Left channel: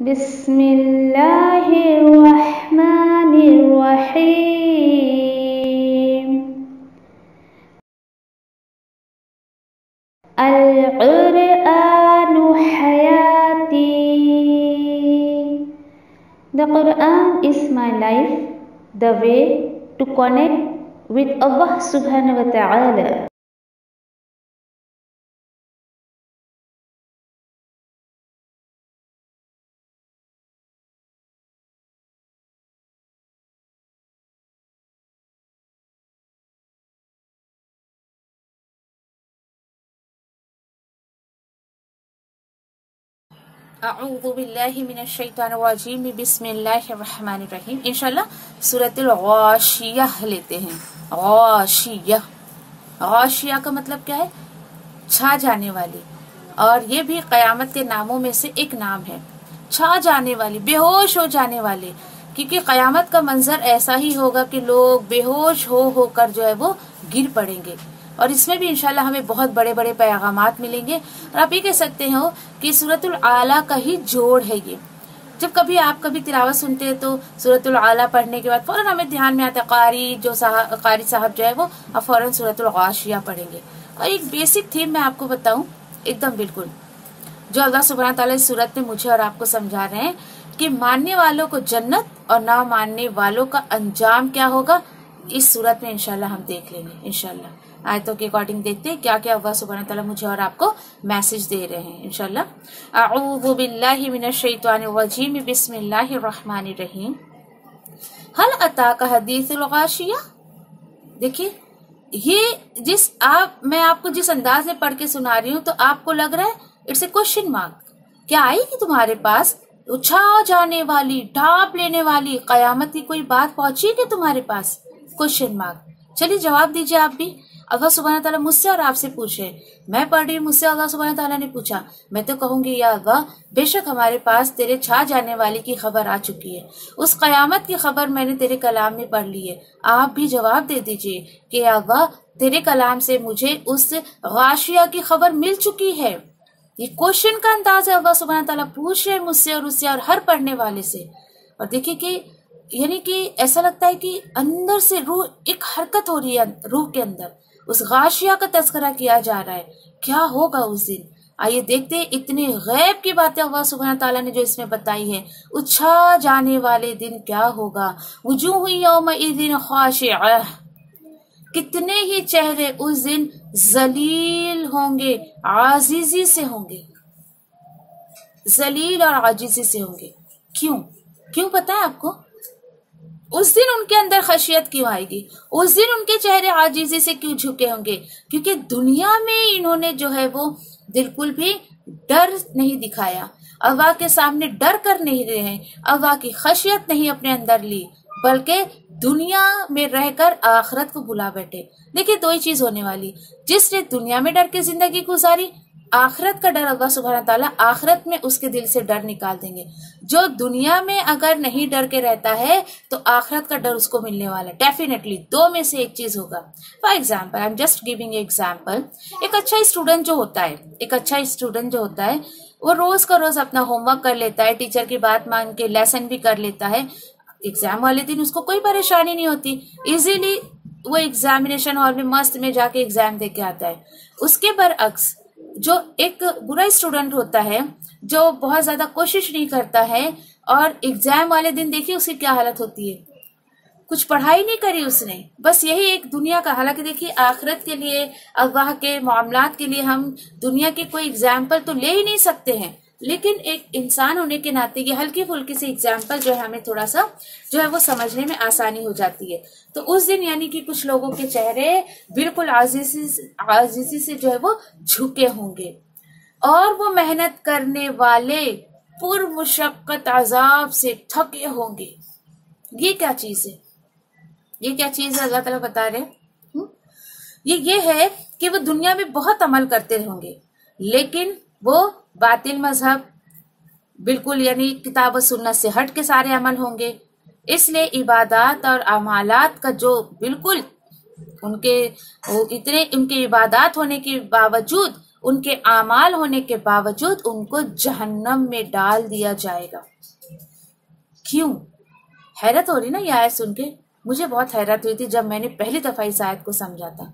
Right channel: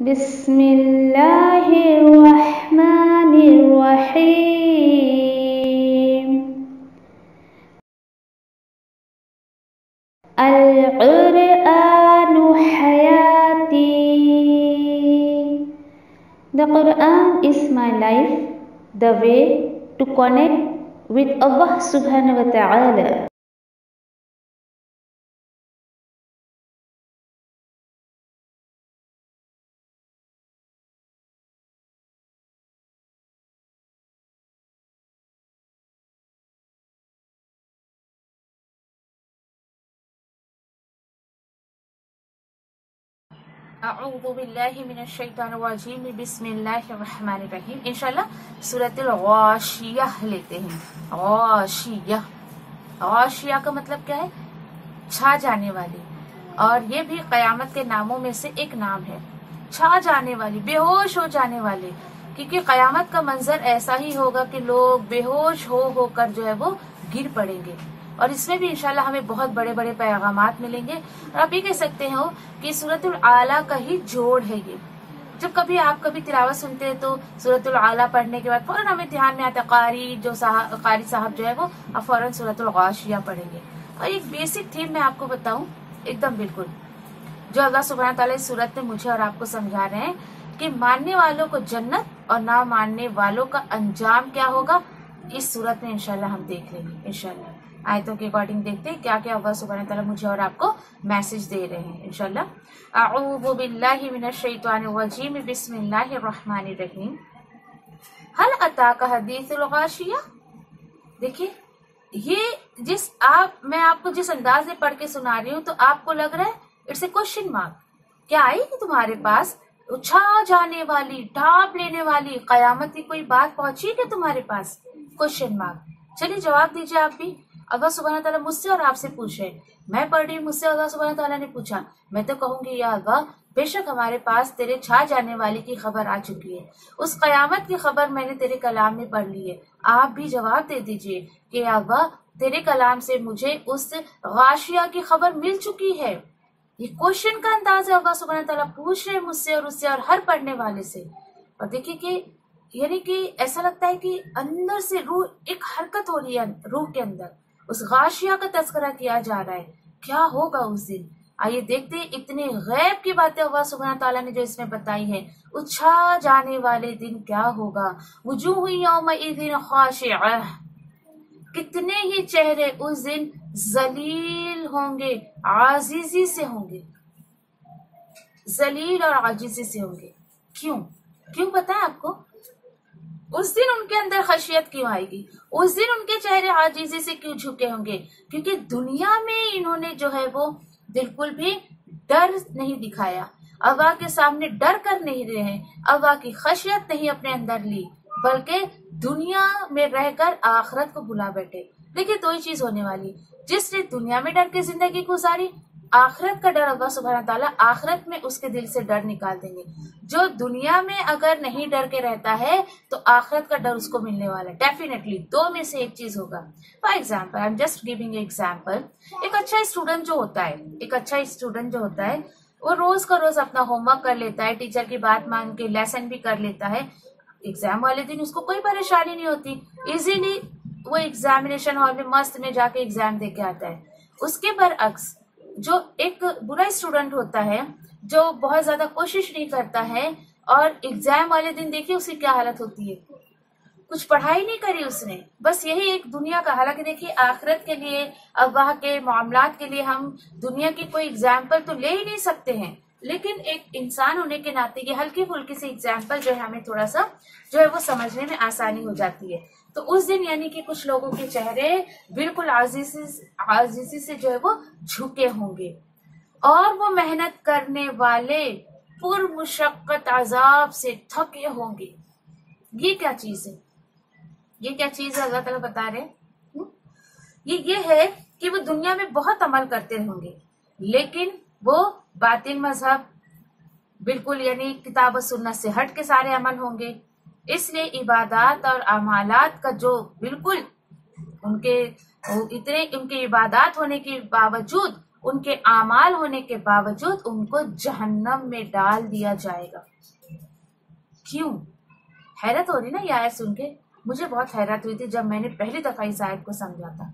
बिस्मिल्लाहिर्रहमानिर्रहीम। अल-क़ुरआनु हयाती। The Quran is my life, the way to connect with Allah Subhanahu wa Ta'ala. अऊज़ु बिल्लाहि मिनश्शैतानिर्रजीम बिस्मिल्लाहिर्रहमानिर्रहीम। इंशाल्लाह सूरतुल गाशिया लेते हैं। गाशिया, गाशिया का मतलब क्या है? छा जाने वाली। और ये भी कयामत के नामों में से एक नाम है। छा जाने वाली, बेहोश हो जाने वाले, क्योंकि कयामत का मंजर ऐसा ही होगा कि लोग बेहोश हो होकर जो है वो गिर पड़ेंगे। और इसमें भी इंशाल्लाह हमें बहुत बड़े बड़े पैगामात मिलेंगे। और आप ये कह सकते हो कि सूरतुल आला का ही जोड़ है ये। जब कभी आप कभी तिलावत सुनते हैं तो सूरतुल आला पढ़ने के बाद फौरन हमें ध्यान में आता है कारी साहब जो है वो अब फौरन सूरतुल गाशिया पढ़ेंगे। और एक बेसिक थीम मैं आपको बताऊं, एकदम बिल्कुल जो अल्लाह सुब्हानहू तआला इस सूरत में मुझे और आपको समझा रहे हैं कि मानने वालों को जन्नत और ना मानने वालों का अंजाम क्या होगा, इस सूरत में इंशाल्लाह हम देख लेंगे। इंशाल्लाह आयतों के अकॉर्डिंग देखते हैं क्या क्या अल्लाह सुब्हानहू तआला मुझे और आपको मैसेज दे रहे हैं। इंशाल्लाह अऊज़ु बिल्लाहि मिनश्शैतानिर्रजीम बिस्मिल्लाहिर्रहमानिर्रहीम। हल अताका हदीसुल गाशिया। देखिए ये मैं आपको जिस अंदाज में पढ़ के सुना रही हूँ तो आपको लग रहा है इट्स ए क्वेश्चन मार्क। क्या आएगी तुम्हारे पास उछा जाने वाली, ढांप लेने वाली कयामत की कोई बात पहुंची क्या तुम्हारे पास? Question mark. चलिए जवाब दीजिए आप भी। अल्लाह सुब्हानहू तआला मुझसे और आपसे पूछे, मैं पढ़ रही हूँ, मुझसे अल्लाह सुब्हानहू तआला ने पूछा, मैं तो कहूंगी या अल्लाह बेशक हमारे पास तेरे छा जाने वाली की खबर आ चुकी है, उस कयामत की खबर मैंने तेरे कलाम में पढ़ ली है। आप भी जवाब दे दीजिए कि या अल्लाह तेरे कलाम से मुझे उस गाशिया की खबर मिल चुकी है। ये क्वेश्चन का अंदाज है, अल्लाह सुब्हानहू तआला पूछ रहे मुझसे और उससे और हर पढ़ने वाले से। और देखिए कि यानी कि ऐसा लगता है कि अंदर से रूह एक हरकत हो रही है, रूह के अंदर उस गाशिया का तस्करा किया जा रहा है। क्या होगा उस दिन? आइए देखते हैं इतने गैब की बातें अल्लाह सुब्हानहू तआला ने जो इसमें बताई है। उछा जाने वाले दिन क्या होगा? वुजूह यौमइज़िन खाशिअह। कितने ही चेहरे उस दिन जलील होंगे, आजीजी से होंगे, जलील और आजीजी से होंगे। क्यों क्यों पता है आपको? उस दिन उनके अंदर खशियत क्यों आएगी? उस दिन उनके चेहरे आजीजी से क्यों झुके होंगे? क्योंकि दुनिया में इन्होंने जो है वो बिल्कुल भी डर नहीं दिखाया, अल्लाह के सामने डर कर नहीं रहे हैं, अल्लाह की खशियत नहीं अपने अंदर ली, बल्कि दुनिया में रहकर आखिरत को भुला बैठे। देखिए दो ही चीज होने वाली, जिसने दुनिया में डर के जिंदगी गुजारी, आखिरत का डर अल्लाह सुब्हानहू तआला आखिरत में उसके दिल से डर निकाल देंगे। जो दुनिया में अगर नहीं डर के रहता है तो आखिरत का डर उसको मिलने वाला है। डेफिनेटली दो में से एक चीज होगा। For example, I am just giving example. एक अच्छा स्टूडेंट जो होता है वो रोज का रोज अपना होमवर्क कर लेता है, टीचर की बात मान के लेसन भी कर लेता है। एग्जाम वाले दिन उसको कोई परेशानी नहीं होती, इजीली वो एग्जामिनेशन हॉल में मस्त में जाके एग्जाम दे के आता है। उसके बरअक्स जो एक बुरा स्टूडेंट होता है, जो बहुत ज्यादा कोशिश नहीं करता है, और एग्जाम वाले दिन देखिए उसकी क्या हालत होती है। कुछ पढ़ाई नहीं करी उसने, बस यही एक दुनिया का। हालांकि देखिए आखिरत के लिए, अल्लाह के मामलात के लिए हम दुनिया की कोई एग्जाम्पल तो ले ही नहीं सकते हैं, लेकिन एक इंसान होने के नाते ये हल्की फुल्की सी एग्जाम्पल जो है हमें थोड़ा सा जो है वो समझने में आसानी हो जाती है। तो उस दिन यानी कि कुछ लोगों के चेहरे बिल्कुल आजीजी से जो है वो झुके होंगे, और वो मेहनत करने वाले पुरमुशक्कत अजाब से थके होंगे। ये क्या चीज है? ये क्या चीज है अल्लाह ताला बता रहे हैं? ये है कि वो दुनिया में बहुत अमल करते होंगे, लेकिन वो बातिल मजहब बिल्कुल यानी किताब और सुन्नत से हट के सारे अमल होंगे। इसलिए इबादत और अमालात का जो बिल्कुल उनके इबादत होने के बावजूद उनके आमाल होने के बावजूद उनको जहन्नम में डाल दिया जाएगा। क्यों? हैरत हो रही ना ये आयत सुन के? मुझे बहुत हैरत हुई थी जब मैंने पहली दफा इस आयत को समझा था।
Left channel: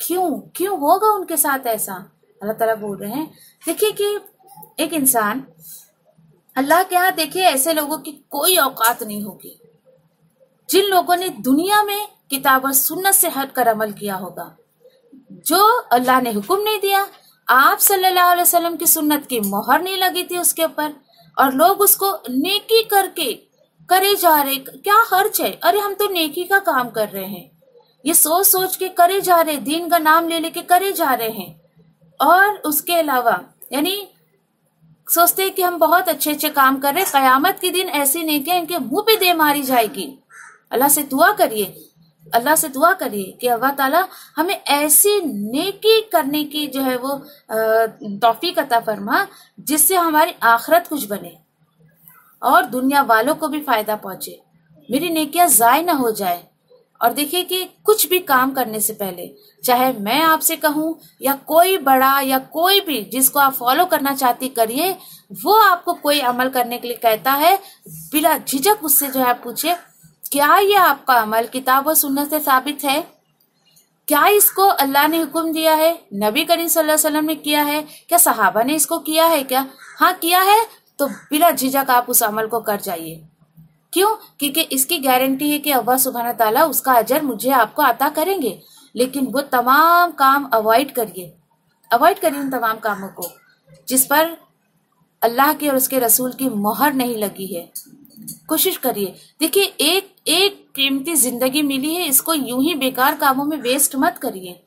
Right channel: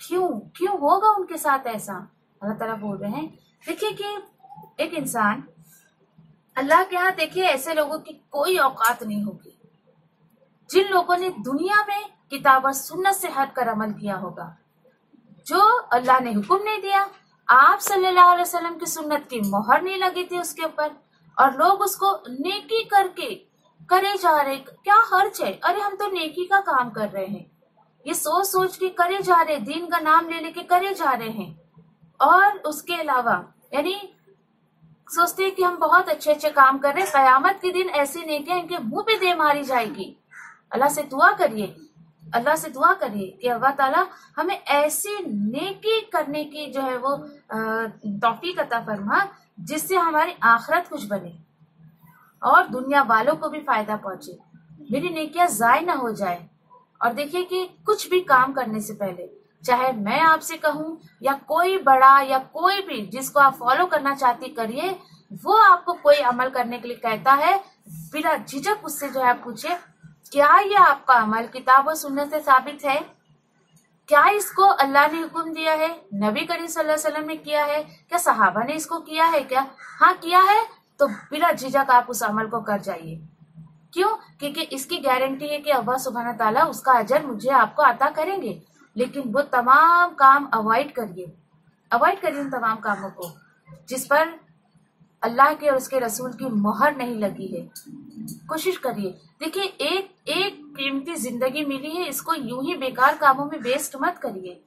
क्यों क्यों होगा उनके साथ ऐसा? अल्लाह ताला बोल रहे हैं, देखिए कि एक इंसान, अल्लाह के यहाँ देखिए ऐसे लोगों की कोई औकात नहीं होगी जिन लोगों ने दुनिया में किताब और सुन्नत से हटकर अमल किया होगा। जो अल्लाह ने हुक्म नहीं दिया, आप सल्लल्लाहु अलैहि वसल्लम की सुन्नत की मोहर नहीं लगी थी उसके ऊपर, और लोग उसको नेकी करके करे जा रहे। क्या हर्ज है? अरे हम तो नेकी का काम कर रहे हैं, ये सोच सोच के करे जा रहे, दीन का नाम ले लेके करे जा रहे हैं। और उसके अलावा यानी सोचते हैं कि हम बहुत अच्छे अच्छे काम कर रहे हैं, कयामत के दिन ऐसी नेकियां इनके मुंह पे दे मारी जाएगी। अल्लाह से दुआ करिए, अल्लाह से दुआ करिए कि अल्लाह ताला हमें ऐसी नेकी करने की जो है वो तौफीक अता फरमा जिससे हमारी आखिरत कुछ बने और दुनिया वालों को भी फायदा पहुंचे, मेरी नेकियां जाय ना हो जाए। और देखिए कि कुछ भी काम करने से पहले, चाहे मैं आपसे कहूं या कोई बड़ा या कोई भी जिसको आप फॉलो करना चाहती करिए, वो आपको कोई अमल करने के लिए कहता है, बिना झिझक उससे जो है आप पूछे, क्या ये आपका अमल किताब और सुन्नत से साबित है? क्या इसको अल्लाह ने हुक्म दिया है, नबी करीम सल्लल्लाहु अलैहि वसल्लम ने किया है, क्या सहाबा ने इसको किया है? क्या हाँ किया है, तो बिना झिझक आप उस अमल को कर जाइए। क्यों? क्योंकि इसकी गारंटी है कि अल्लाह सुब्हाना ताला उसका अजर मुझे आपको अता करेंगे। लेकिन वो तमाम काम अवॉइड करिए, अवॉइड करिए उन तमाम कामों को जिस पर अल्लाह के और उसके रसूल की मोहर नहीं लगी है। कोशिश करिए। देखिए एक एक कीमती जिंदगी मिली है, इसको यूं ही बेकार कामों में वेस्ट मत करिए।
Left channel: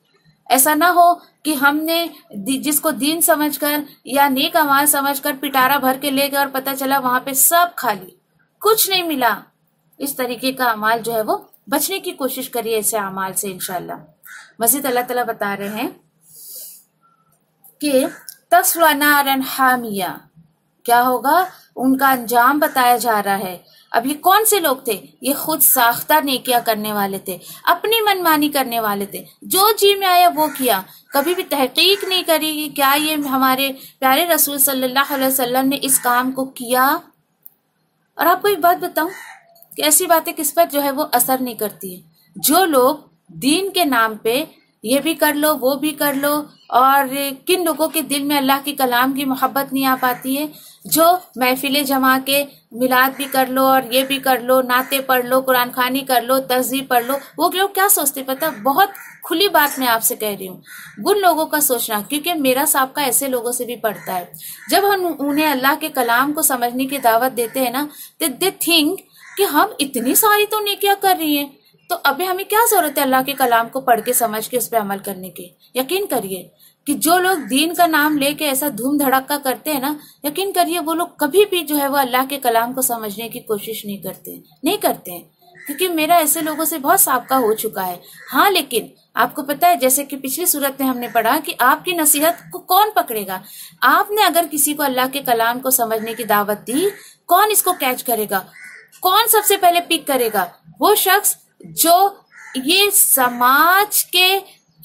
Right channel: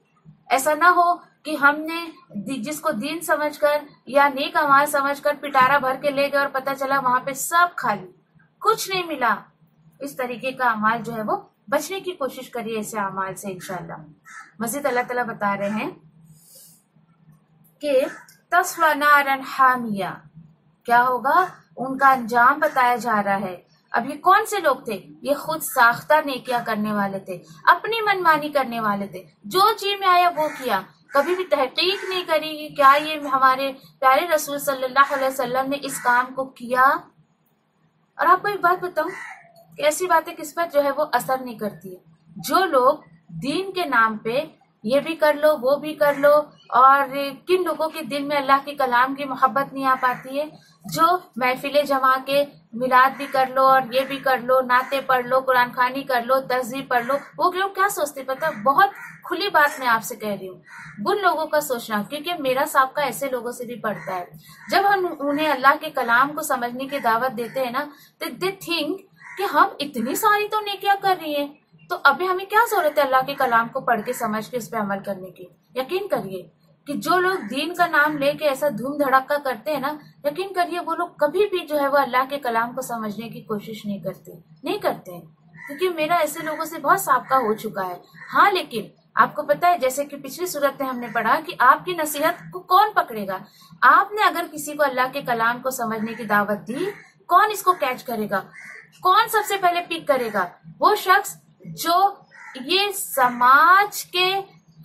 ऐसा ना हो कि हमने जिसको दीन समझकर या नेक अमाल समझकर पिटारा भर के ले गए और पता चला वहां पे सब खाली, कुछ नहीं मिला। इस तरीके का अमाल जो है वो बचने की कोशिश करिए ऐसे अमाल से इंशाल्लाह। मज़ीद अल्लाह ताला बता रहे हैं कि तस्ला नारन हामिया, क्या होगा उनका अंजाम बताया जा रहा है। अभी कौन से लोग थे? ये खुद साख्ता नेकियां करने वाले थे, अपनी मनमानी करने वाले थे, जो जी में आया वो किया, कभी भी तहकीक नहीं करी कि क्या ये हमारे प्यारे रसूल सल्लल्लाहु अलैहि वसल्लम ने इस काम को किया। और आपको एक बात बताऊं कि ऐसी बातें किस पर जो है वो असर नहीं करती है। जो लोग दीन के नाम पे ये भी कर लो वो भी कर लो, और किन लोगों के दिल में अल्लाह के कलाम की मोहब्बत नहीं आ पाती है, जो महफिलें जमा के मिलाद भी कर लो और ये भी कर लो, नाते पढ़ लो, कुरान खानी कर लो, तस्बीह पढ़ लो, वो लोग क्या सोचते पता? बहुत खुली बात मैं आपसे कह रही हूँ, उन लोगों का सोचना, क्योंकि मेरा साहब ऐसे लोगों से भी पढ़ता है। जब हम उन्हें अल्लाह के कलाम को समझने की दावत देते हैं ना, तो दे थिंक कि हम इतनी सारी तो नेकियां कर रही हैं, तो अभी हमें क्या जरूरत है अल्लाह के कलाम को पढ़ के समझ के उस पर अमल करने की। यकीन करिए कि जो लोग दीन का नाम लेके ऐसा धूम धड़क्का करते हैं ना, यकीन करिए वो लोग कभी भी जो है वो अल्लाह के कलाम को समझने की कोशिश नहीं करते हैं, क्योंकि मेरा ऐसे लोगों से बहुत साबका हो चुका है। हाँ, लेकिन आपको पता है जैसे कि पिछली सूरत में हमने पढ़ा कि आपकी नसीहत को कौन पकड़ेगा। आपने अगर किसी को अल्लाह के कलाम को समझने की दावत दी, कौन इसको कैच करेगा? कौन सबसे पहले पिक करेगा? वो शख्स जो ये समाज के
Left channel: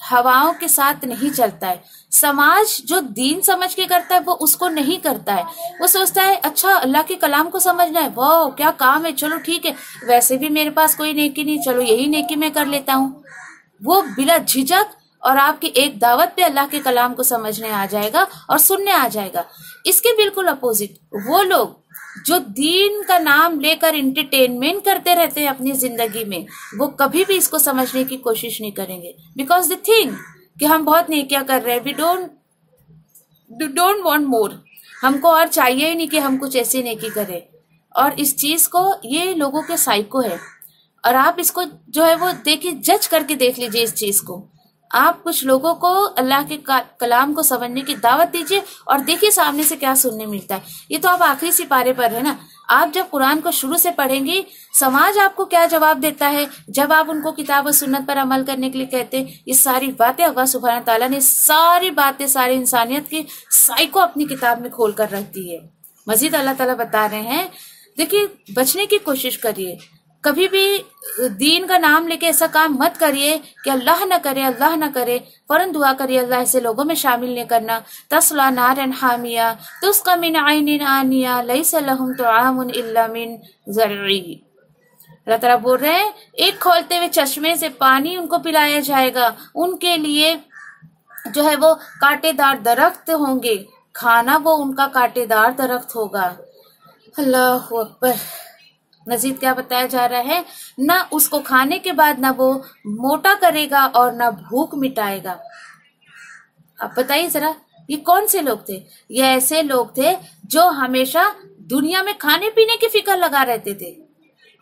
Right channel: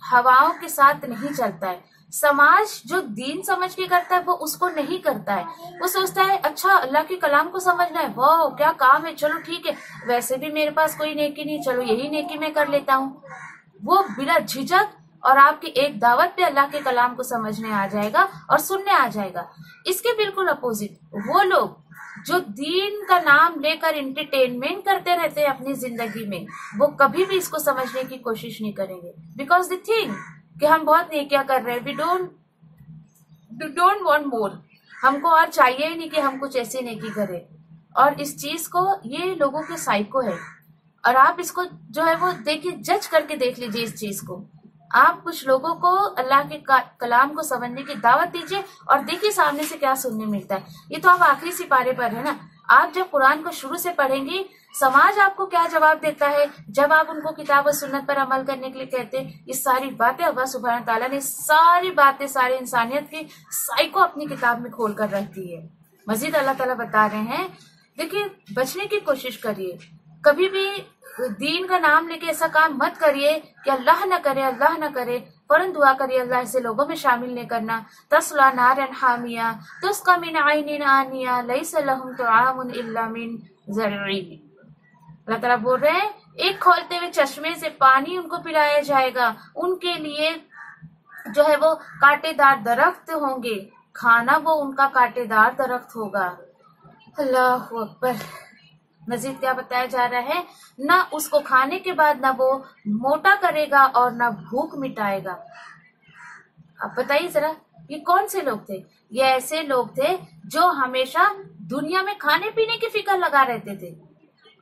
हवाओं के साथ नहीं चलता है। समाज जो दीन समझ के करता है वो उसको नहीं करता है। वो सोचता है अच्छा अल्लाह के कलाम को समझना है, वाह क्या काम है, चलो ठीक है, वैसे भी मेरे पास कोई नेकी नहीं, चलो यही नेकी मैं कर लेता हूँ। वो बिना झिझक और आपकी एक दावत पे अल्लाह के कलाम को समझने आ जाएगा और सुनने आ जाएगा। इसके बिल्कुल अपोजिट वो लोग जो दीन का नाम लेकर इंटरटेनमेंट करते रहते हैं अपनी जिंदगी में, वो कभी भी इसको समझने की कोशिश नहीं करेंगे, बिकॉज दे थिंक कि हम बहुत नेकियां कर रहे हैं, वी डोंट वांट मोर, हमको और चाहिए ही नहीं कि हम कुछ ऐसी नेकी करें। और इस चीज को, ये लोगों के साइको है। और आप इसको जो है वो देखिए, जज करके देख लीजिए इस चीज को। आप कुछ लोगों को अल्लाह के कलाम को समझने की दावत दीजिए और देखिए सामने से क्या सुनने मिलता है। ये तो आप आखिरी सिपारे पर है ना। आप जब कुरान को शुरू से पढ़ेंगे, समाज आपको क्या जवाब देता है जब आप उनको किताब और सुन्नत पर अमल करने के लिए कहते हैं। ये सारी बातें अल्लाह सुब्हान ताला ने सारी बातें सारी इंसानियत की साइको अपनी किताब में खोल कर रखती है। मजीद अल्लाह ताला बता रहे हैं, देखिए बचने की कोशिश करिए। कभी भी दीन का नाम लेके ऐसा काम मत करिए कि अल्लाह ना करे, अल्लाह ना करे। फौरन दुआ करिए अल्लाह ऐसे लोगों में शामिल नहीं करना। तस्ला नारन हामिया तुस्का मिन आइनिन आनिया लैसा लहुम तुआमुन इल्ला मिन ज़रई। अल्लाह ताला बोल रहे हैं एक खोलते हुए चश्मे से पानी उनको पिलाया जाएगा, उनके लिए जो है वो कांटेदार दरख्त होंगे, खाना वो उनका कांटेदार दरख्त होगा। अल्लाह अकबर। मजीद क्या बताया जा रहा है, ना उसको खाने के बाद ना वो मोटा करेगा और ना भूख मिटाएगा। अब बताइए जरा, ये कौन से लोग थे? ये ऐसे लोग थे जो हमेशा दुनिया में खाने पीने की फिक्र लगा रहते थे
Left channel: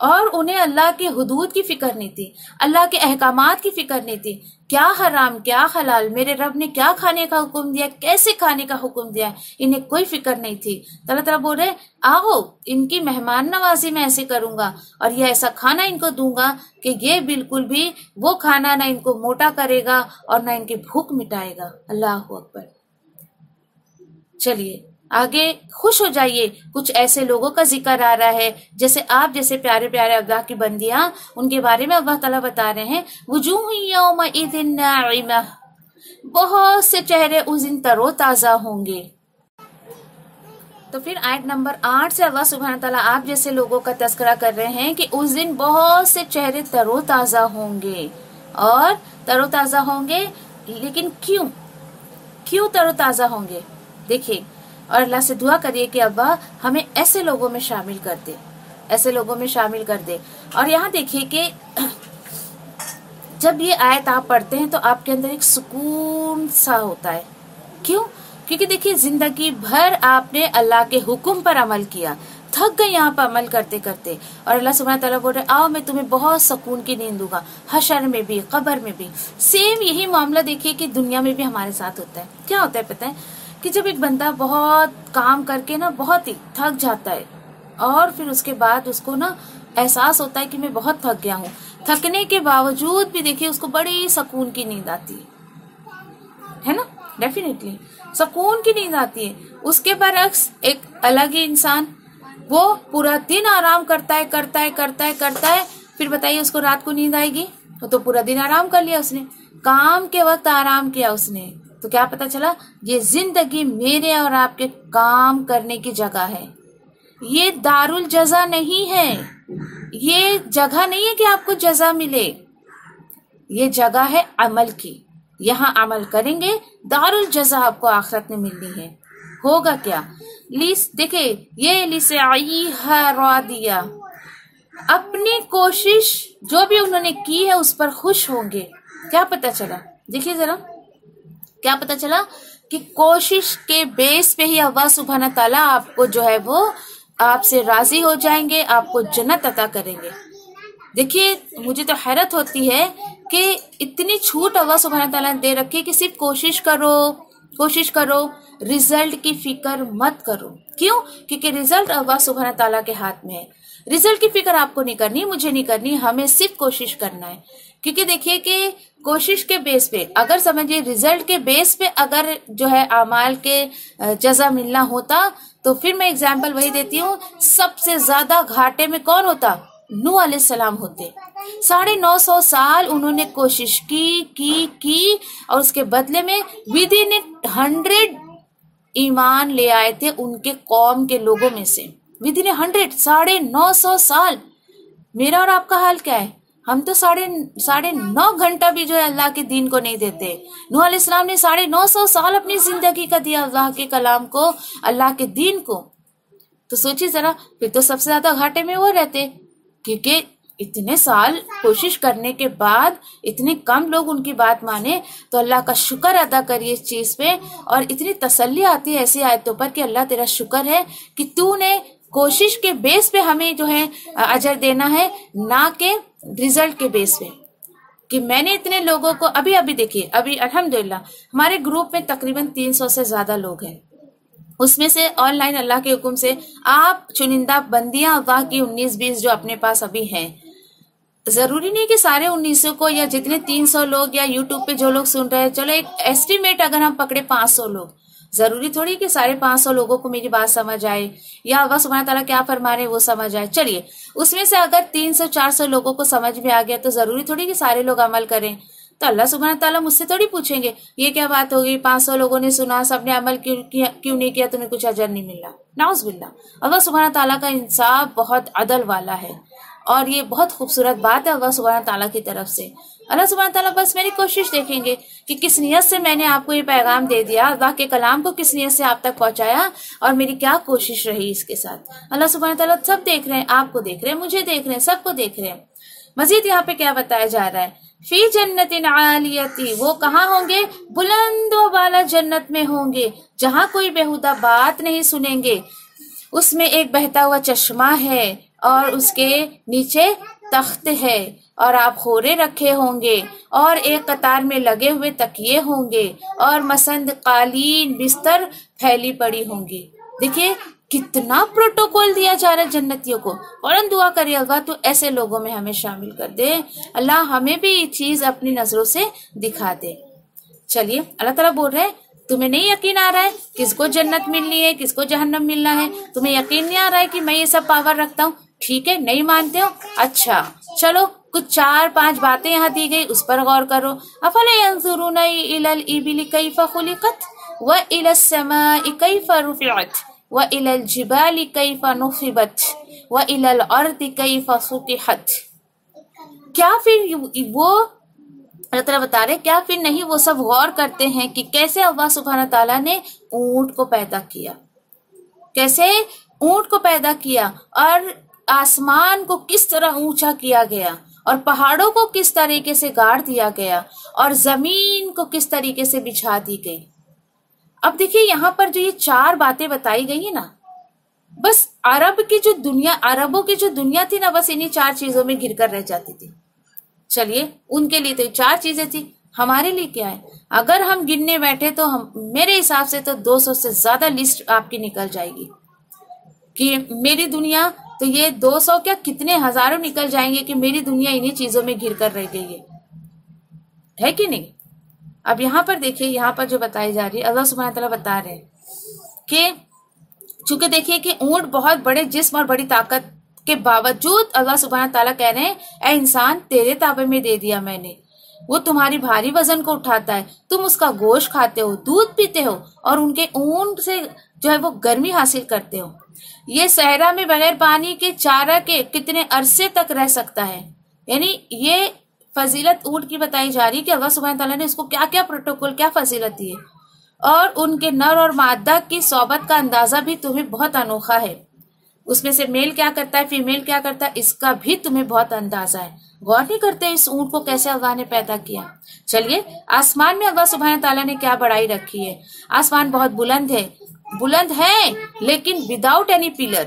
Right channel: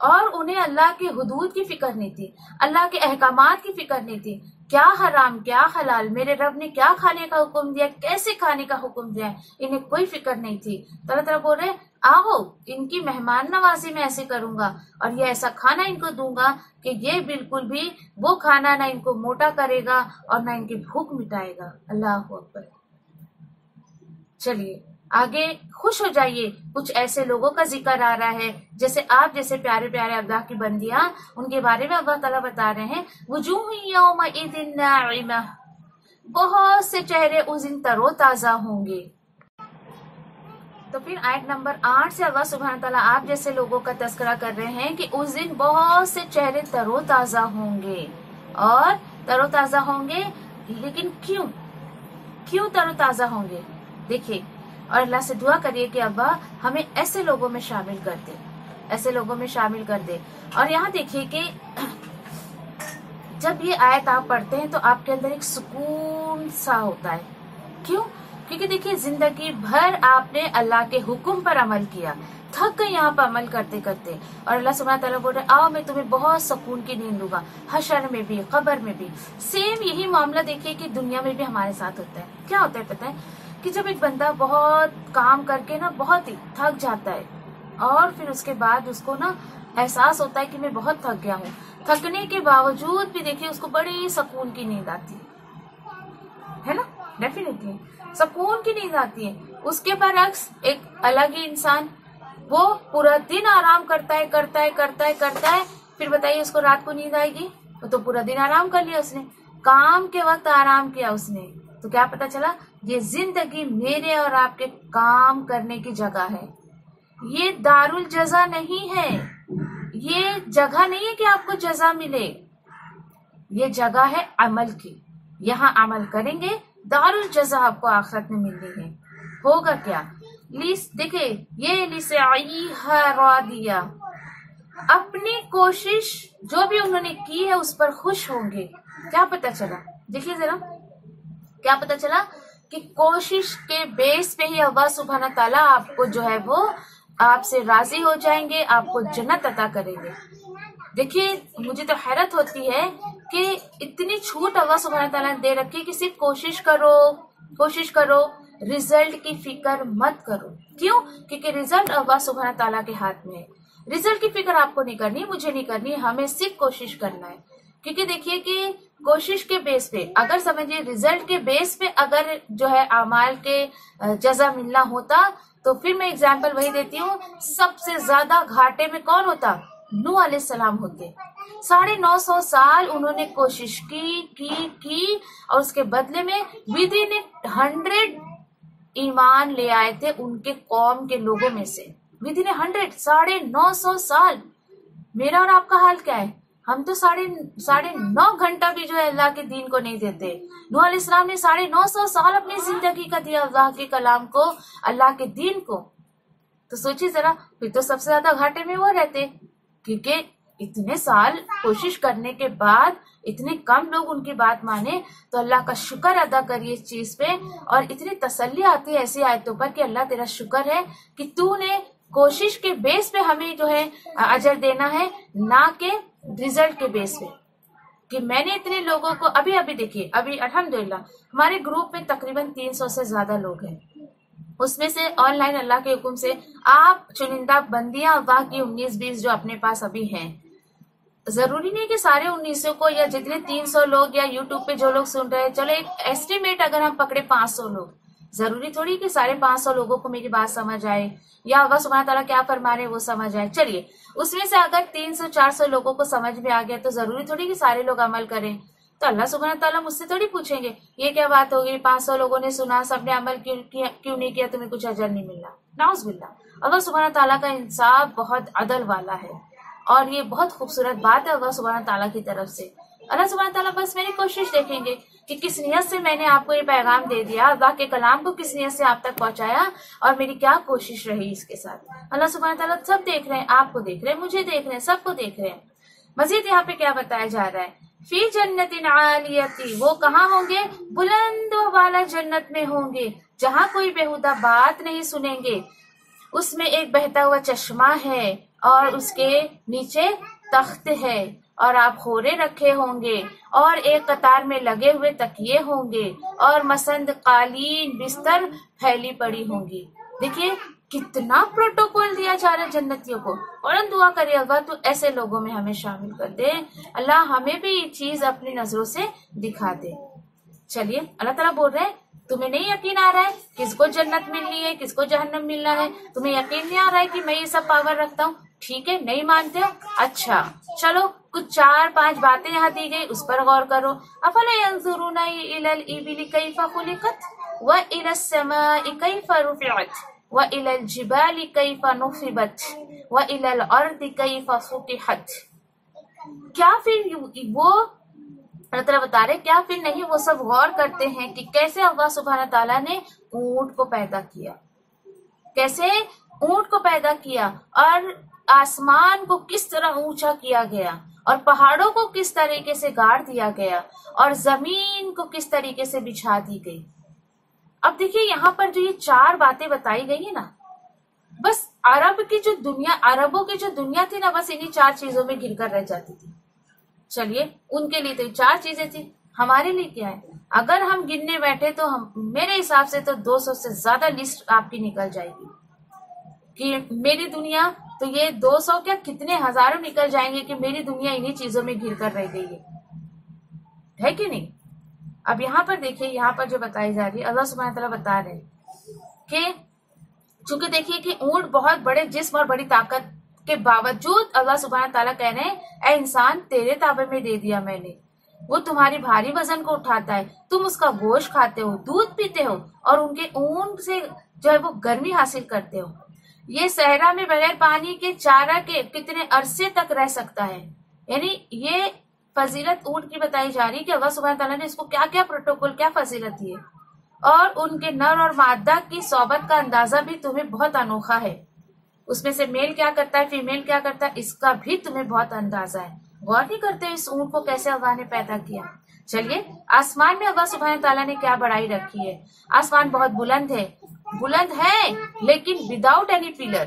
और उन्हें अल्लाह की हुदूद की फिक्र नहीं थी, अल्लाह के अहकामात की फिक्र नहीं थी। क्या हराम क्या हलाल, मेरे रब ने क्या खाने का हुक्म दिया, कैसे खाने का हुक्म दिया, इन्हें कोई फिक्र नहीं थी। अल्लाह ताला बोल रहे आओ इनकी मेहमान नवाजी मैं ऐसे करूंगा और ये ऐसा खाना इनको दूंगा कि ये बिल्कुल भी वो खाना ना इनको मोटा करेगा और ना इनकी भूख मिटाएगा। अल्लाह अकबर। चलिए आगे खुश हो जाइए। कुछ ऐसे लोगों का जिक्र आ रहा है जैसे आप जैसे प्यारे प्यारे अल्लाह की बंदियां, उनके बारे में अल्लाह ताला बता रहे हैं वुजूह यौमइज़िन नाइमा, बहुत से चेहरे उस दिन तरोताजा होंगे। तो फिर आयत नंबर 8 से अल्लाह सुब्हान ताला आप जैसे लोगों का तस्करा कर रहे हैं कि उस दिन बहुत से चेहरे तरोताजा होंगे। और तरोताजा होंगे, लेकिन क्यों क्यों तरोताजा होंगे? देखिए, और अल्लाह से दुआ करिए कि अब्बा हमें ऐसे लोगों में शामिल कर दे, ऐसे लोगों में शामिल कर दे। और यहाँ देखिए कि जब ये आयत आप पढ़ते हैं तो आपके अंदर एक सुकून सा होता है। क्यों? क्योंकि देखिए जिंदगी भर आपने अल्लाह के हुक्म पर अमल किया, थक गए यहाँ पर अमल करते करते, और अल्लाह सुब्हानहू तआला बोल रहे आओ मैं तुम्हें बहुत सुकून की नींद दूंगा, हशर में भी कब्र में भी। सेम यही मामला देखिए कि दुनिया में भी हमारे साथ होता है। क्या होता है पता है कि जब एक बंदा बहुत काम करके ना बहुत ही थक जाता है और फिर उसके बाद उसको ना एहसास होता है कि मैं बहुत थक गया हूँ, थकने के बावजूद भी देखिए उसको बड़ी सुकून की नींद आती है ना, डेफिनेटली सुकून की नींद आती है। उसके बरक्स एक अलग ही इंसान, वो पूरा दिन आराम करता है करता है करता है करता है, फिर बताइए उसको रात को नींद आएगी? वो तो पूरा दिन आराम कर लिया उसने, काम के वक्त आराम किया उसने। तो क्या पता चला, ये जिंदगी मेरे और आपके काम करने की जगह है, ये दारुल जजा नहीं है, ये जगह नहीं है कि आपको जजा मिले, ये जगह है अमल की। यहाँ अमल करेंगे, दारुल जजा आपको आखिरत में मिलनी है। होगा क्या? देखिए ये लिसे आई दिया, अपनी कोशिश जो भी उन्होंने की है उस पर खुश होंगे। क्या पता चला? देखिए जरा, क्या पता चला कि कोशिश के बेस पे ही अल्लाह सुब्हानहू तआला आपको जो है वो आपसे राजी हो जाएंगे, आपको जन्नत अता करेंगे। देखिए मुझे तो हैरत होती है कि इतनी छूट अल्लाह सुब्हानहू तआला ने दे रखी है कि सिर्फ कोशिश करो, रिजल्ट की फिक्र मत करो। क्यों? क्योंकि रिजल्ट अल्लाह सुब्हानहू तआला के हाथ में है। रिजल्ट की फिक्र आपको नहीं करनी, मुझे नहीं करनी, हमें सिर्फ कोशिश करना है। क्योंकि देखिए कि कोशिश के बेस पे, अगर समझिए रिजल्ट के बेस पे अगर जो है अमाल के जजा मिलना होता तो फिर मैं एग्जाम्पल वही देती हूँ, सबसे ज्यादा घाटे में कौन होता? नूह अलैहिस्सलाम होते। 950 साल उन्होंने कोशिश की और उसके बदले में विदिन 100 ईमान ले आए थे उनके कौम के लोगों में से। विदिन 100, 950 साल। मेरा और आपका हाल क्या है? हम तो 9.5 घंटा भी जो है अल्लाह के दीन को नहीं देते। नूह अलैहिस्सलाम ने 950 साल अपनी जिंदगी का दिया अल्लाह के कलाम को, अल्लाह के दीन को। तो सोचिए जरा, फिर तो सबसे ज्यादा घाटे में वो रहते, क्योंकि इतने साल कोशिश करने के बाद इतने कम लोग उनकी बात माने। तो अल्लाह का शुक्र अदा करिए इस चीज पे, और इतनी तसल्ली आती है ऐसी आयतों पर कि अल्लाह तेरा शुक्र है कि तूने कोशिश के बेस पे हमें जो है अजर देना है, ना के रिजल्ट के बेस पे। कि मैंने इतने लोगों को अभी देखिए, अभी अल्हम्दुलिल्लाह हमारे ग्रुप में तकरीबन 300 से ज्यादा लोग हैं। उसमें से ऑनलाइन अल्लाह के हुक्म से आप चुनिंदा बंदियां अल्लाह की 19-20 जो अपने पास अभी हैं। जरूरी नहीं कि सारे 1900 को या जितने 300 लोग या यूट्यूब पे जो लोग सुन रहे हैं, चलो एक एस्टिमेट अगर हम पकड़े 500 लोग, जरूरी थोड़ी कि 550 लोगों को मेरी बात समझ आए या अल्लाह सुब्हान ताला क्या फरमा रहे वो समझ आए। चलिए उसमें से अगर 300-400 लोगों को समझ में आ गया तो जरूरी थोड़ी कि सारे लोग अमल करें। तो अल्लाह सुब्हान ताला मुझसे थोड़ी पूछेंगे ये क्या बात होगी, 500 लोगों ने सुना, सबने अमल क्यों नहीं किया, तुम्हें कुछ अजर नहीं मिला। नाउज़ुबिल्लाह। अल्लाह सुब्हान ताला का इंसाफ बहुत अदल वाला है और ये बहुत खूबसूरत बात है अल्लाह सुब्हान ताला की तरफ से। अल्लाह सुब्हान ताला बस मेरी कोशिश देखेंगे कि किस नियत से मैंने आपको ये पैगाम दे दिया, अल्लाह के कलाम को किस नियत से आप तक पहुंचाया और मेरी क्या कोशिश रही इसके साथ। अल्लाह सुब्हान ताला सब देख रहे हैं, आपको देख रहे हैं, मुझे देख रहे हैं, सबको देख रहे हैं। मजीद यहाँ पे क्या बताया जा रहा है, फी जन्नतिन आलियती, वो कहाँ होंगे, बुलंद वाला जन्नत में होंगे जहाँ कोई बेहुदा बात नहीं सुनेंगे। उसमें एक बहता हुआ चश्मा है और उसके नीचे तख्त है और आप खोरे रखे होंगे और एक कतार में लगे हुए तकिए होंगे और मसंद कालीन बिस्तर फैली पड़ी होंगी। देखिए कितना प्रोटोकॉल दिया जा रहा है जन्नतियों को। और दुआ करिए अल्लाह तो ऐसे लोगों में हमें शामिल कर दे, अल्लाह हमें भी ये चीज अपनी नजरों से दिखा दे। चलिए अल्लाह ताला बोल रहे हैं तुम्हें नहीं यकीन आ रहा है किसको जन्नत मिलनी है किसको जहन्नम मिलना है, तुम्हें यकीन नहीं आ रहा है कि मैं ये सब पावर रखता हूँ। ठीक है, नहीं मानते हो, अच्छा चलो कुछ 4-5 बातें यहाँ दी गई उस पर गौर करो। अफला यंजुरूना इलल इबिली कैफा खुलिकत व इलस समाई कैफा रुफिअत व इलल जिबाली कैफा नुसिबत व इलल अर्दि कैफा सुतिहत। क्या फिर वो अल्लाह ताला बता रहे क्या फिर नहीं वो सब गौर करते हैं कि कैसे अल्लाह सुब्हान ताला ने ऊंट को पैदा किया, कैसे ऊंट को पैदा किया और आसमान को किस तरह ऊंचा किया गया और पहाड़ों को किस तरीके से गाड़ दिया गया और जमीन को किस तरीके से बिछा दी गई। अब देखिए यहाँ पर जो ये 4 बातें बताई गई है ना, बस अरबों की जो दुनिया थी ना, बस इन्हीं 4 चीजों में घिर कर रह जाती थी। चलिए उनके लिए तो 4 चीजें थी, हमारे लिए क्या है? अगर हम गिनने बैठे तो मेरे हिसाब से तो 200 से ज्यादा लिस्ट आपकी निकल जाएगी कि मेरी दुनिया, तो ये 200 क्या कितने हजारों निकल जाएंगे कि मेरी दुनिया इन्हीं चीजों में घिर कर रह गई है कि नहीं। अब यहाँ पर देखिए, यहाँ पर जो बताई जा रही है, अल्लाह सुब्हानहू तआला बता रहे हैं कि चूंकि देखिए कि ऊंट बहुत बड़े जिस्म और बड़ी ताकत के बावजूद अल्लाह सुब्हानहू तआला कह रहे हैं ऐ इंसान तेरे ताबे में दे दिया मैंने, वो तुम्हारी भारी वजन को उठाता है, तुम उसका गोश्त खाते हो, दूध पीते हो और उनके ऊन से जो है वो गर्मी हासिल करते हो। ये सहरा में बगैर पानी के चारा के कितने अरसे तक रह सकता है। यानी ये फजीलत ऊंट की बताई जा रही है कि अल्लाह सुब्हानहू तआला ने इसको क्या क्या प्रोटोकॉल, क्या फजीलत दी है। और उनके नर और मादा की सोबत का अंदाजा भी तुम्हें बहुत अनोखा है, उसमें से मेल क्या करता है फीमेल क्या करता है इसका भी तुम्हें बहुत अंदाजा है। गौर नहीं करते इस ऊंट को कैसे अल्लाह ने पैदा किया। चलिए आसमान में अल्लाह सुब्हानहू तआला ने क्या बड़ाई रखी है। आसमान बहुत बुलंद है लेकिन विदाउट एनी पिलर,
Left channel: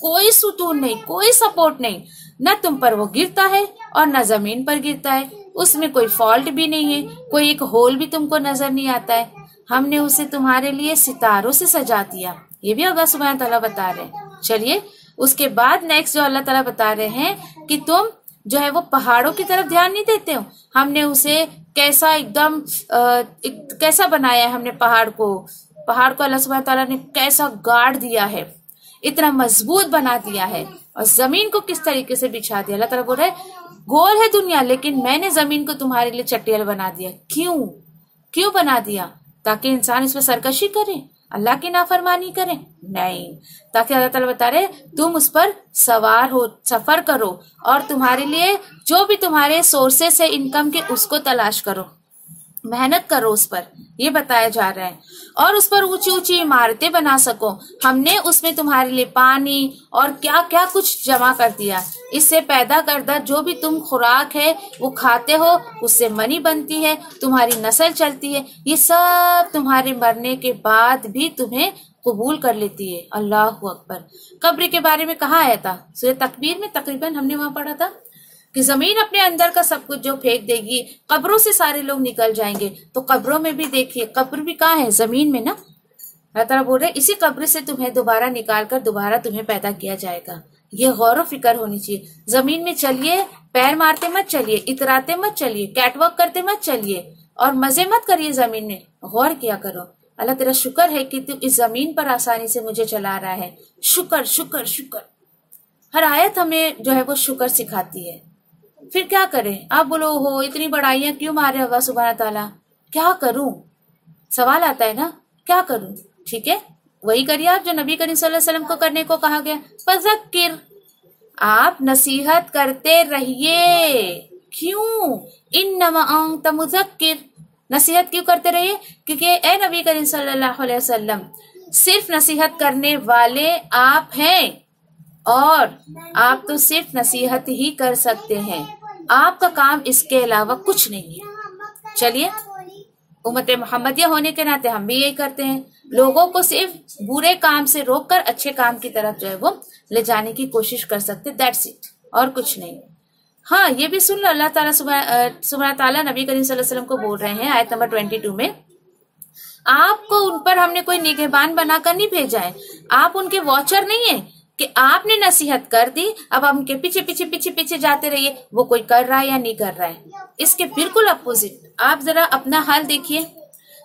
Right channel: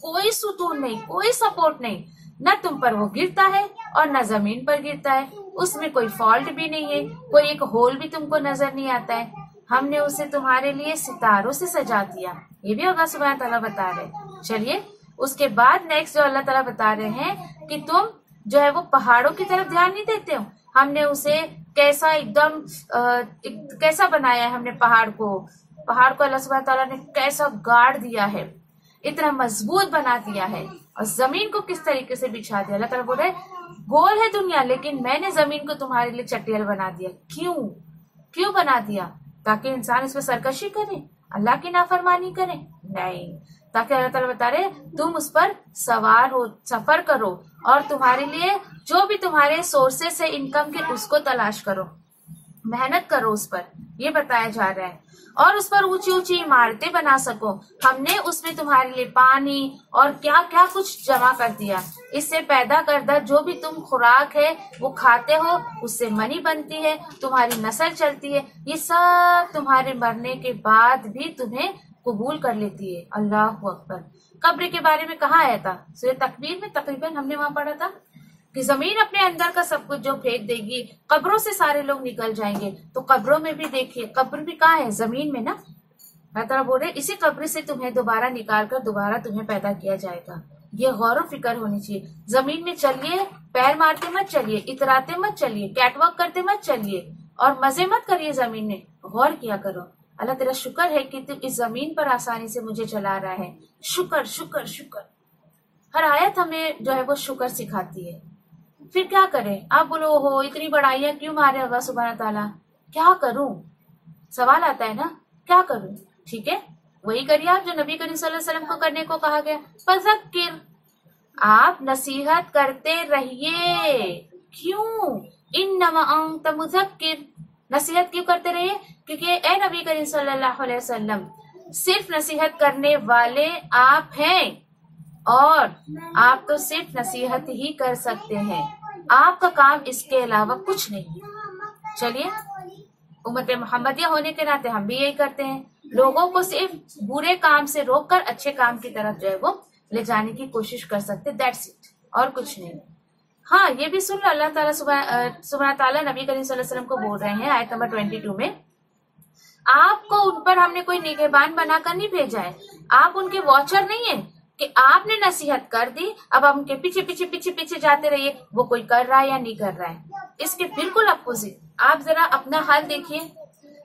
कोई सुतून नहीं, कोई सपोर्ट नहीं, न तुम पर वो गिरता है और न जमीन पर गिरता है, उसमें कोई फॉल्ट भी नहीं है, कोई एक होल भी तुमको नजर नहीं आता है। हमने उसे तुम्हारे लिए सितारों से सजा दिया, ये भी अल्लाह सुब्हानहू तआला बता रहे हैं। चलिए उसके बाद नेक्स्ट जो अल्लाह ताला बता रहे हैं कि तुम जो है वो पहाड़ों की तरफ ध्यान नहीं देते हो। हमने उसे कैसा एकदम कैसा बनाया है, हमने पहाड़ को अल्लाह सुब्हानहू तआला ने कैसा गाड़ दिया है, इतना मजबूत बना दिया है और जमीन को किस तरीके से बिछा दिया। अल्लाह ताला बोल रहा है गोल है दुनिया लेकिन मैंने जमीन को तुम्हारे लिए चटियल बना दिया। क्यों बना दिया? ताकि इंसान इस पर सरकशी करे, अल्लाह की नाफरमानी करे? नहीं, ताकि अल्लाह ताला बता रहे तुम उस पर सवार हो, सफर करो और तुम्हारे लिए जो भी तुम्हारे सोर्सेस है इनकम के उसको तलाश करो, मेहनत करो उस पर, ये बताया जा रहा है। और उस पर ऊंची ऊंची इमारतें बना सको। हमने उसमें तुम्हारे लिए पानी और क्या क्या कुछ जमा कर दिया। इससे पैदा करदा जो भी तुम खुराक है वो खाते हो, उससे मनी बनती है, तुम्हारी नस्ल चलती है, ये सब तुम्हारे मरने के बाद भी तुम्हें कबूल कर लेती है। अल्लाह अकबर। कब्र के बारे में कहाँ आया था? सूरह तकबीर में तकरीबन हमने वहां पढ़ा था कि जमीन अपने अंदर का सब कुछ जो फेंक देगी, कब्रों से सारे लोग निकल जाएंगे। तो कब्रों में भी देखिए, कब्र भी कहाँ है? जमीन में ना। अल्लाह ताला बोल रहे इसी कब्र से तुम्हें दोबारा निकाल कर दोबारा तुम्हें पैदा किया जाएगा। ये गौर फिक्र होनी चाहिए। जमीन में चलिए, पैर मारते मत चलिए, इतराते मत चलिए, कैटवॉक करते मत चलिए और मजे मत करिए। जमीन में गौर किया करो अल्लाह तेरा शुक्र है कि तू इस जमीन पर आसानी से मुझे चला रहा है। शुक्र शुक्र शुक्र। हर आयत हमें जो है वो शुक्र सिखाती है। फिर क्या करें? आप बोलो हो इतनी बड़ाइयां क्यों मारे अल्लाह सुब्हान ताला, क्या करूं? सवाल आता है ना, क्या करूं? ठीक है, वही करिए आप जो नबी करीम सल्लल्लाहु अलैहि वसल्लम को करने को कहा गया। फज़क्किर, आप नसीहत करते रहिए। क्यों? इन्नमा अंत मुज़क्किर, नसीहत क्यों करते रहिए? क्योंकि ए नबी करीम सल्लल्लाहु अलैहि वसल्लम, सिर्फ नसीहत करने वाले आप हैं और आप तो सिर्फ नसीहत ही कर सकते हैं। आपका काम इसके अलावा कुछ नहीं है। चलिए, उम्मत मोहम्मदिया होने के नाते हम भी यही करते हैं, लोगों को सिर्फ बुरे काम से रोककर अच्छे काम की तरफ जो है वो ले जाने की कोशिश कर सकते। दैट्स इट, और कुछ नहीं। हाँ, ये भी सुन लो, अल्लाह ताला सुब्हान ताला नबी करीम सल्लल्लाहु अलैहि वसल्लम को बोल रहे हैं आयत नंबर 22 में, आपको उन पर हमने कोई निगहबान बनाकर नहीं भेजा है। आप उनके वॉचर नहीं है कि आपने नसीहत कर दी, अब आप उनके पीछे पीछे पीछे पीछे जाते रहिए वो कोई कर रहा है या नहीं कर रहा है। इसके बिल्कुल अपोजिट। आप जरा अपना हाल देखिए,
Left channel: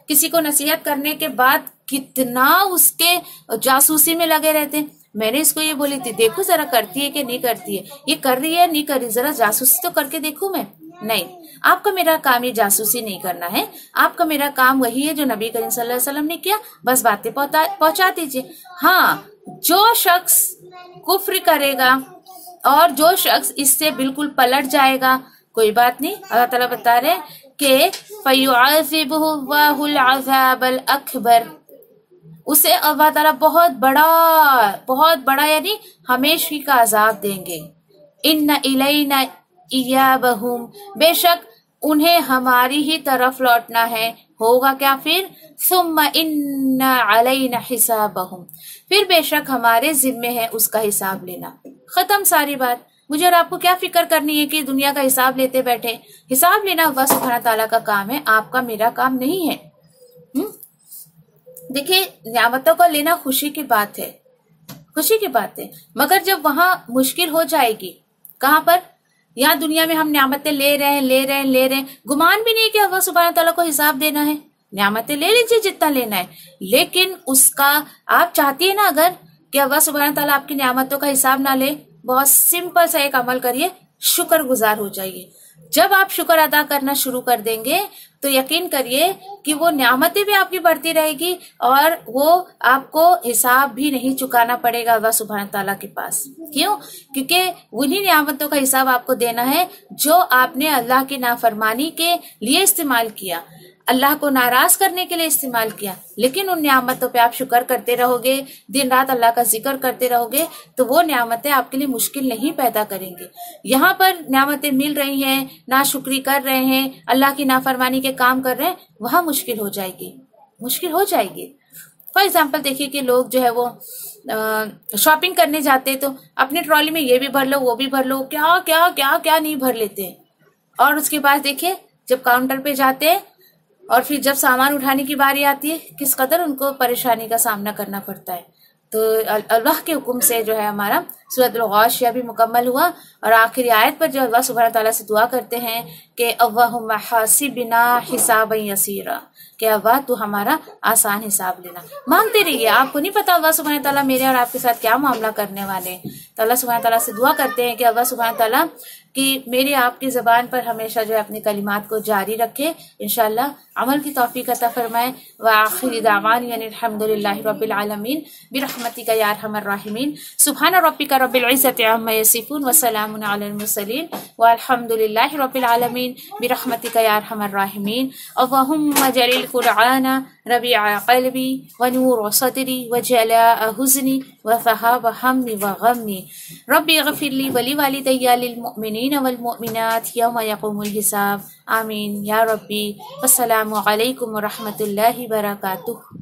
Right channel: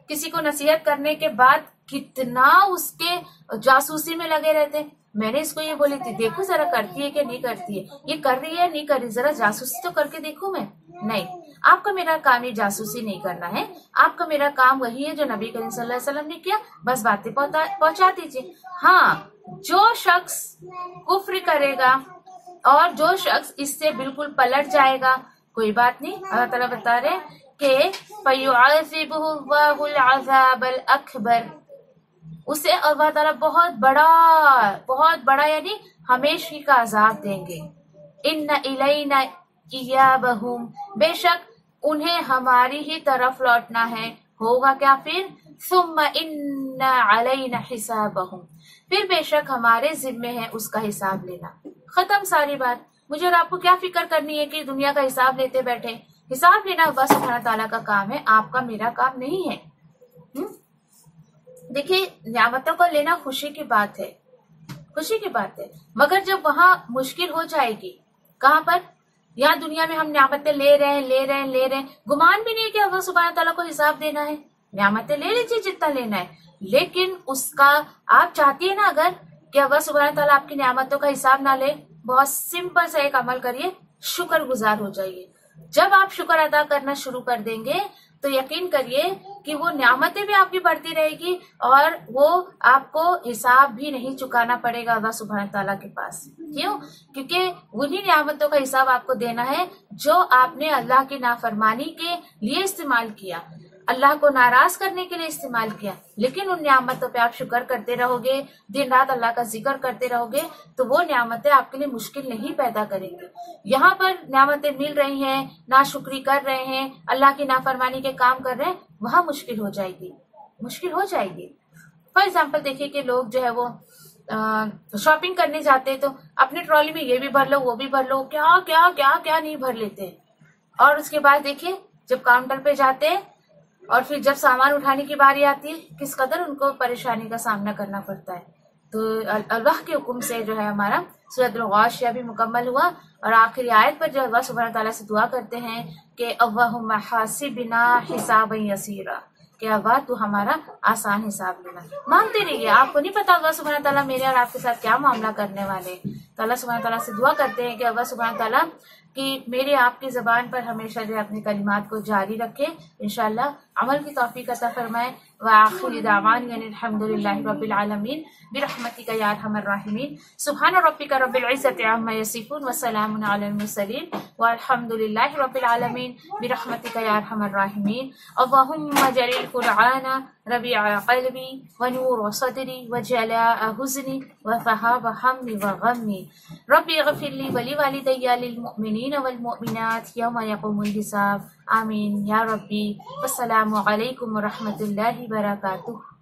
किसी को नसीहत करने के बाद कितना उसके जासूसी में लगे रहते हैं। मैंने इसको ये बोली थी, देखो जरा करती है कि नहीं करती है, ये कर रही है नहीं कर रही, जरा जासूसी तो करके देखो। मैं नहीं, आपका मेरा काम ये जासूसी नहीं करना है। आपका मेरा काम वही है जो नबी करीम सल्लल्लाहु अलैहि वसल्लम ने किया, बस बातें पहुंचा दीजिए। हाँ, जो शख्स कुफ्र करेगा और जो शख्स इससे बिल्कुल पलट जाएगा, कोई बात नहीं। अल्लाह ताला बता रहे कि फयुअज़िबुहुल्लाहुल अज़ाबल अकबर, उसे अल्लाह ताला बहुत बड़ा यानी हमेशा का अजाब देंगे। इन्ना इलैना इयाबहुम, बेशक उन्हें हमारी ही तरफ लौटना है। होगा क्या फिर? सुम्मा इन्ना अलैना हिसाबहुम, फिर बेशक हमारे जिम्मे है उसका हिसाब लेना। खत्म सारी बात। मुझे और आपको क्या फिक्र करनी है कि दुनिया का हिसाब लेते बैठे? हिसाब लेना अल्लाह सुब्हान ताला का काम है, आपका मेरा काम नहीं है। देखिए, नियामतों को लेना खुशी की बात है, खुशी की बात है, मगर जब वहां मुश्किल हो जाएगी, कहाँ पर? यहाँ दुनिया में हम नियामतें ले रहे हैं, गुमान भी नहीं कि अल्लाह सुब्हान ताला को हिसाब देना है। नियामतें ले लीजिए जितना लेना है, लेकिन उसका आप चाहती है ना अगर कि अल्लाह सुब्हान ताला आपकी नियामतों का हिसाब ना ले, बहुत सिंपल सा एक अमल करिए, शुक्र गुजार हो जाइए। जब आप शुक्र अदा करना शुरू कर देंगे तो यकीन करिए कि वो नियामतें भी आपकी बढ़ती रहेगी और वो आपको हिसाब भी नहीं चुकाना पड़ेगा अल्लाह सुब्हान ताला के पास। क्यों? क्योंकि उन्हीं नियामतों का हिसाब आपको देना है जो आपने अल्लाह की नाफरमानी के लिए इस्तेमाल किया, अल्लाह को नाराज करने के लिए इस्तेमाल किया। लेकिन उन नियामतों पे आप शुक्र करते रहोगे, दिन रात अल्लाह का जिक्र करते रहोगे, तो वो नियामतें आपके लिए मुश्किल नहीं पैदा करेंगे। यहाँ पर नियामतें मिल रही हैं, नाशुक्री कर रहे हैं, अल्लाह की नाफरमानी के काम कर रहे हैं, वहां मुश्किल हो जाएगी, मुश्किल हो जाएगी। फॉर एग्जाम्पल देखिए कि लोग जो है वो शॉपिंग करने जाते हैं तो अपने ट्रॉली में ये भी भर लो वो भी भर लो, क्या क्या क्या क्या नहीं भर लेते हैं। और उसके बाद देखिए जब काउंटर पे जाते हैं और फिर जब सामान उठाने की बारी आती है, किस कदर उनको परेशानी का सामना करना पड़ता है। तो अल्लाह के हुक्म से जो है हमारा सूरतुल गाशिया भी मुकम्मल हुआ और आखिरी आयत पर जो अल्लाह सुब्हान तआला से दुआ करते हैं कि अल्लाहुम्मा हासिबिना हिसाबन यसीरा, कि अल्लाह तू हमारा आसान हिसाब लेना। मांगते रहिए, आपको नहीं पता अल्लाह सुब्हान तआला मेरे और आपके साथ क्या मामला करने वाले। तो अल्लाह सुब्हान तआला से दुआ करते हैं कि अल्लाह सुब्हान तआला कि मेरे आपकी ज़बान पर हमेशा जो है अपने कलिमात को जारी रखे, इंशाअल्लाह अमल की तौफीक अता फरमाए। व आखिरी दावाना अल्हम्दुलिल्लाहि रब्बिल आलमीन बिरहमतिका या अरहमर राहिमीन। सुब्हान रब्बिका रब्बिल इज्जति अम्मा यसिफून व सलामुन अलल मुरसलीन व अल्हम्दुलिल्लाहि रब्बिल आलमीन बिरहमतिका या अरहमर राहिमीन। अल्लाहुम्मा जलिल कुरआना रबिआ क़ल्बी व नूर सदरी व जलाअ हुज़नी व ज़हाब हम्मी व गम्मी। रब्बि इग़फिरली व लिवालिदैया लिल मुमिनीन वल मुमिनात यौमा यक़ूमुल हिसाब। आमीन या रब्बी। अस्सलामु अलैकुम व रहमतुल्लाहि व बरकातुहू।